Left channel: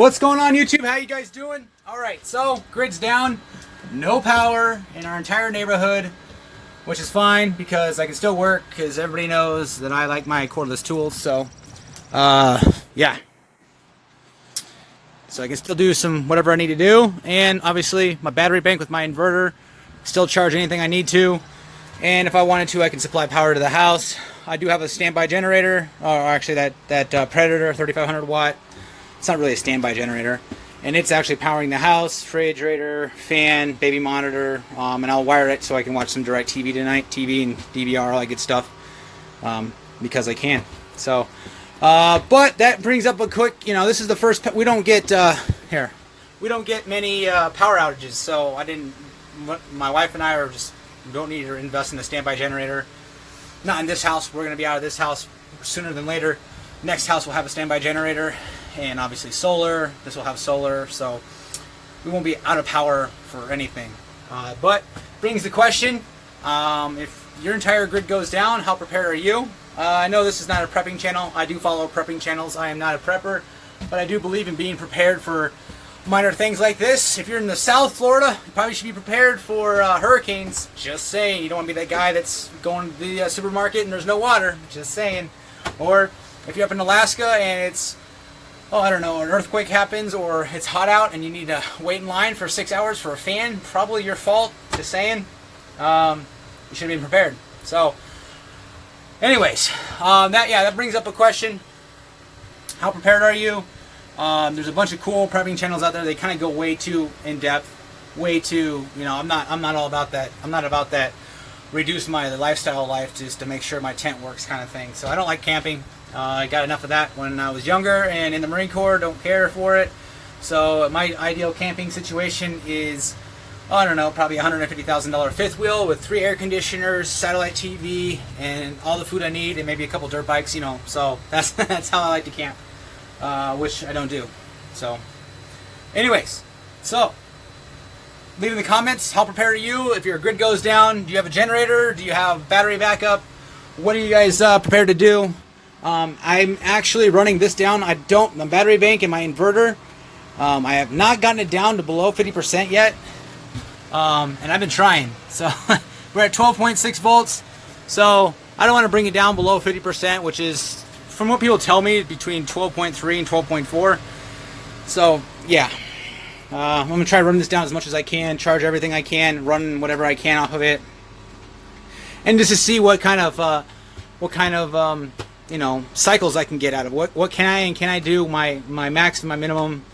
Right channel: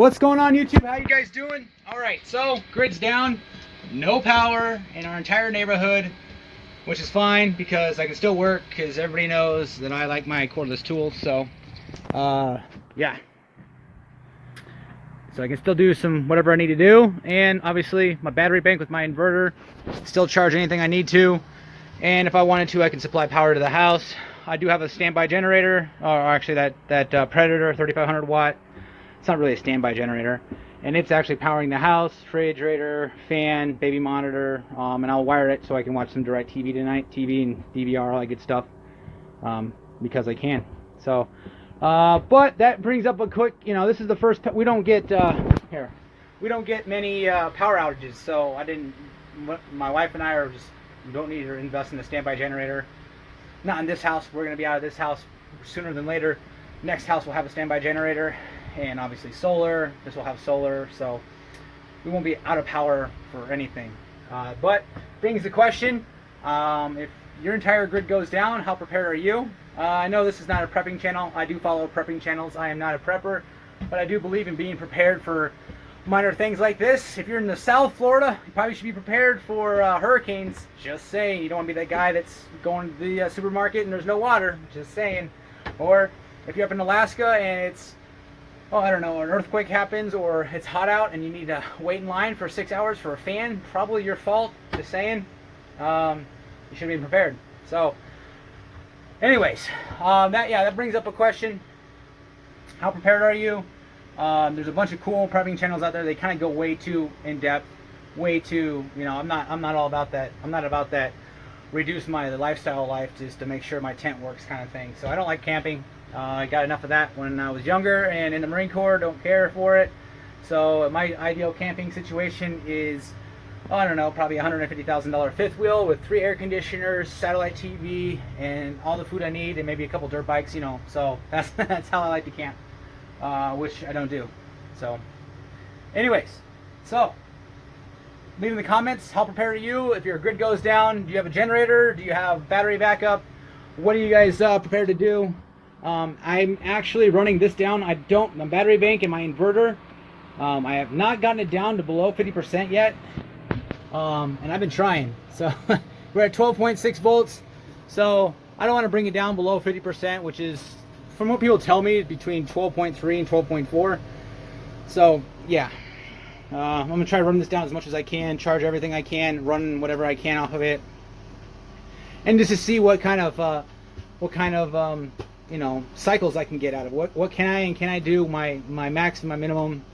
What's going on, YouTube? How you guys doing? All right, so grid's down, no power in our entire neighborhood, which is fine because I can still work because everybody knows that I like my cordless tools. So, yeah. So I can still do some whatever I need to do, and obviously my battery bank with my inverter still charge anything I need to, and if I wanted to, I can supply power to the house. I do have a standby generator, or actually that Predator 3500 watt. It's not really a standby generator, and it's actually powering the house, refrigerator, fan, baby monitor, and I'll wire it so I can watch some DirecTV tonight, TV and DVR, all that good stuff, because I can. So, but that brings up a quick, this is the first, we don't get, we don't get many power outages, so my wife and I don't need to invest in a standby generator. Not in this house. We're going to be out of this house sooner than later. Next house will have a standby generator, and obviously solar. This will have solar, so we won't be out of power for anything. But brings the question, if your entire grid goes down, how prepared are you? I know this is not a prepping channel. I do follow prepping channels. I am not a prepper, but I do believe in being prepared for minor things like this. If you're in the South Florida, you probably should be prepared for hurricanes. Just saying. You don't want to be that guy that's going to the supermarket and there's no water. Just saying. Or if you're up in Alaska and it's, I don't know, an earthquake happens or it's hot out and you need to wait in line for 6 hours for a fan, probably your fault. Just saying. You should be prepared. So, anyways, that brings up a question. How prepared are you? There's a bunch of cool prepping channels out there. They kind of go way too in depth, way too. I'm not all about that. I'm not about that. Reduce my lifestyle life just to make sure my tent works kind of thing. So I don't like camping. I got enough of that when I was younger and in the Marine Corps. Don't care for it. So my ideal camping situation is, I don't know, probably $150,000 fifth wheel with 3 air conditioners, satellite TV, and all the food I need, and maybe a couple dirt bikes. So that's how I like to camp. Which I don't do. So, anyways, leave in the comments, how prepared are you? If your grid goes down, do you have a generator? Do you have battery backup? What are you guys prepared to do? I'm actually running this down. My battery bank and my inverter, I have not gotten it down to below 50% yet. And I've been trying. So, we're at 12.6 volts. So, I don't want to bring it down below 50%, which is, from what people tell me, between 12.3 and 12.4. So, yeah. I'm going to try to run this down as much as I can, charge everything I can, run whatever I can off of it. And just to see what kind of cycles I can get out of it. What can I do, my max and my minimum,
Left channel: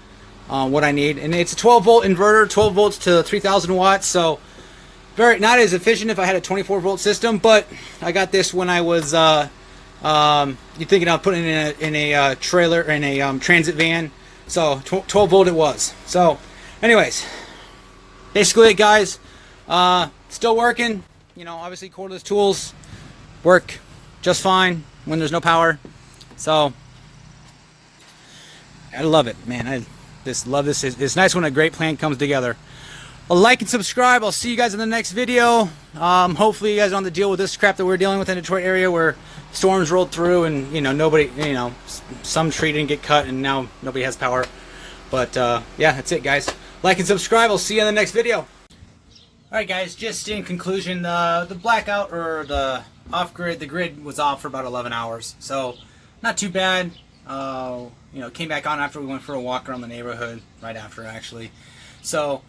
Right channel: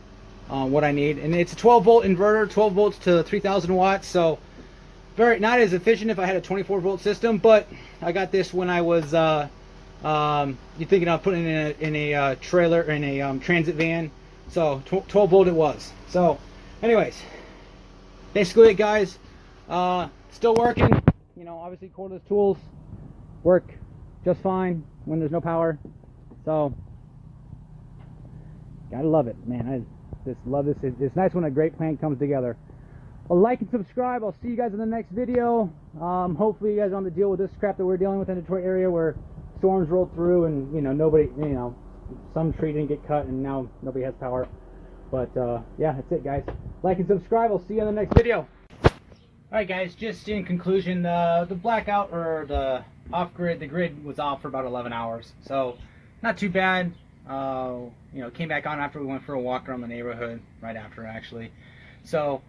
what I need. And it's a 12-volt inverter, 12 volts to 3,000 watts. So, not as efficient if I had a 24-volt system, but I got this when I was... you're thinking of putting it in a trailer, in a transit van. So 12 volt it was. So, anyways, basically it, guys. Still working. Obviously cordless tools work just fine when there's no power. So, I love it, man. I just love this. It's nice when a great plan comes together. Like and subscribe. I'll see you guys in the next video. Hopefully you guys don't have to deal with this crap that we're dealing with in the Detroit area where storms rolled through and nobody, some tree didn't get cut and now nobody has power. But yeah, that's it, guys. Like and subscribe. I'll see you in the next video. Alright, guys, just in conclusion, the blackout or the off-grid, the grid was off for about 11 hours. So not too bad. Came back on after we went for a walk around the neighborhood, right after actually. So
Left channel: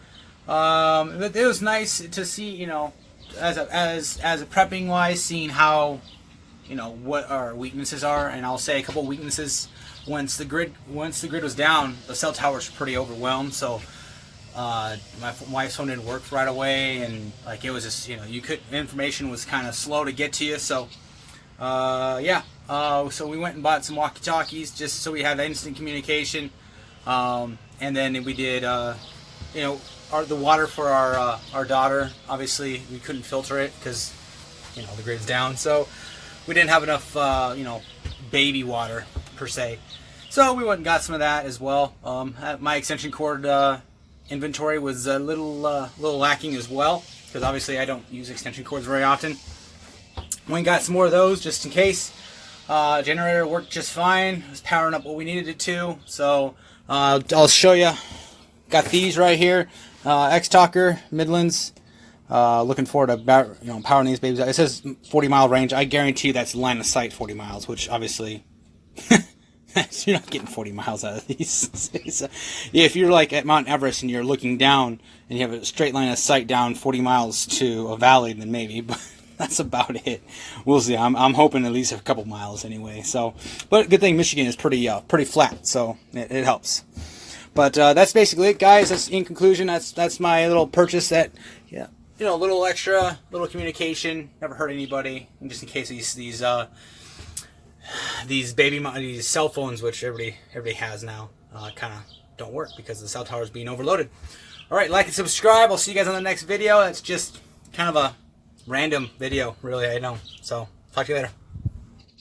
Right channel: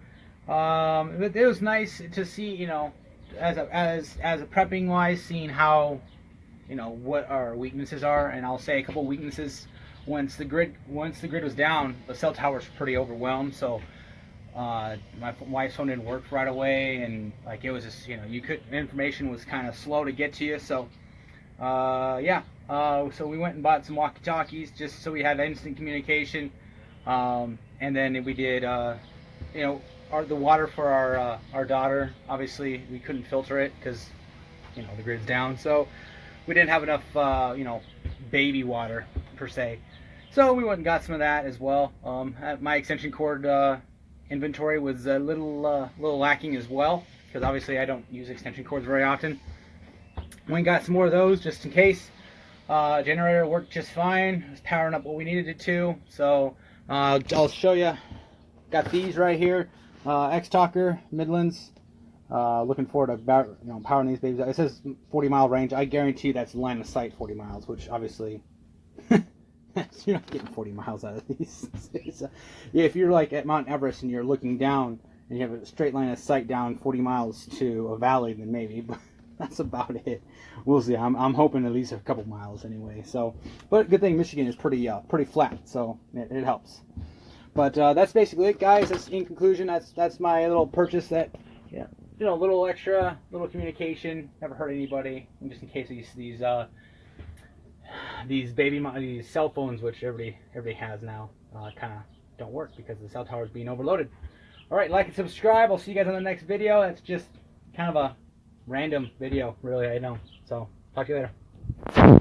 it was nice to see, as a prepping wise, seeing how, what our weaknesses are. And I'll say a couple of weaknesses. Once the grid was down, the cell towers were pretty overwhelmed. So my wife's phone didn't work right away, and it was just, information was kind of slow to get to you. So yeah. So we went and bought some walkie-talkies just so we had instant communication. And then we did, the water for our daughter. Obviously, we couldn't filter it because, the grid's down. So we didn't have enough, baby water per se. So we went and got some of that as well. My extension cord inventory was a little lacking as well because obviously I don't use extension cords very often. Went and got some more of those just in case. Generator worked just fine. It was powering up what we needed it to. So I'll show you. Got these right here. X-Talker Midlands. Looking forward to powering these babies. It says 40-mile range. I guarantee that's line of sight 40 miles, which obviously you're not getting 40 miles out of these. If you're like at Mount Everest and you're looking down and you have a straight line of sight down 40 miles to a valley, then maybe. But that's about it. We'll see. I'm hoping at least a couple miles anyway. So, but good thing Michigan is pretty flat, so it helps. But that's basically it, guys. That's in conclusion. That's my little purchase. That a little extra, little communication. Never hurt anybody. And just in case these cell phones, which everybody has now, kind of don't work because the cell tower is being overloaded. All right, like and subscribe. I'll see you guys on the next video. That's just kind of a random video, really, I know. So, talk to you later.